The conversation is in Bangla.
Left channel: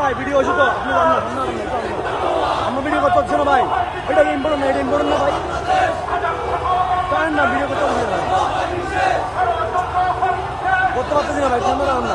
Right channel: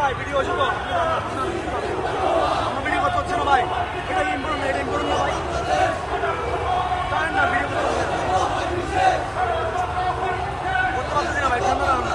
ভাই ভিডিও হচ্ছে তো আমার ভিডিও করতে না ভাই এটা বলুন না এটা বলুন না ভাই জানেন না ভিডিও করতে পারতেছি না ভাই ক্যামেরা না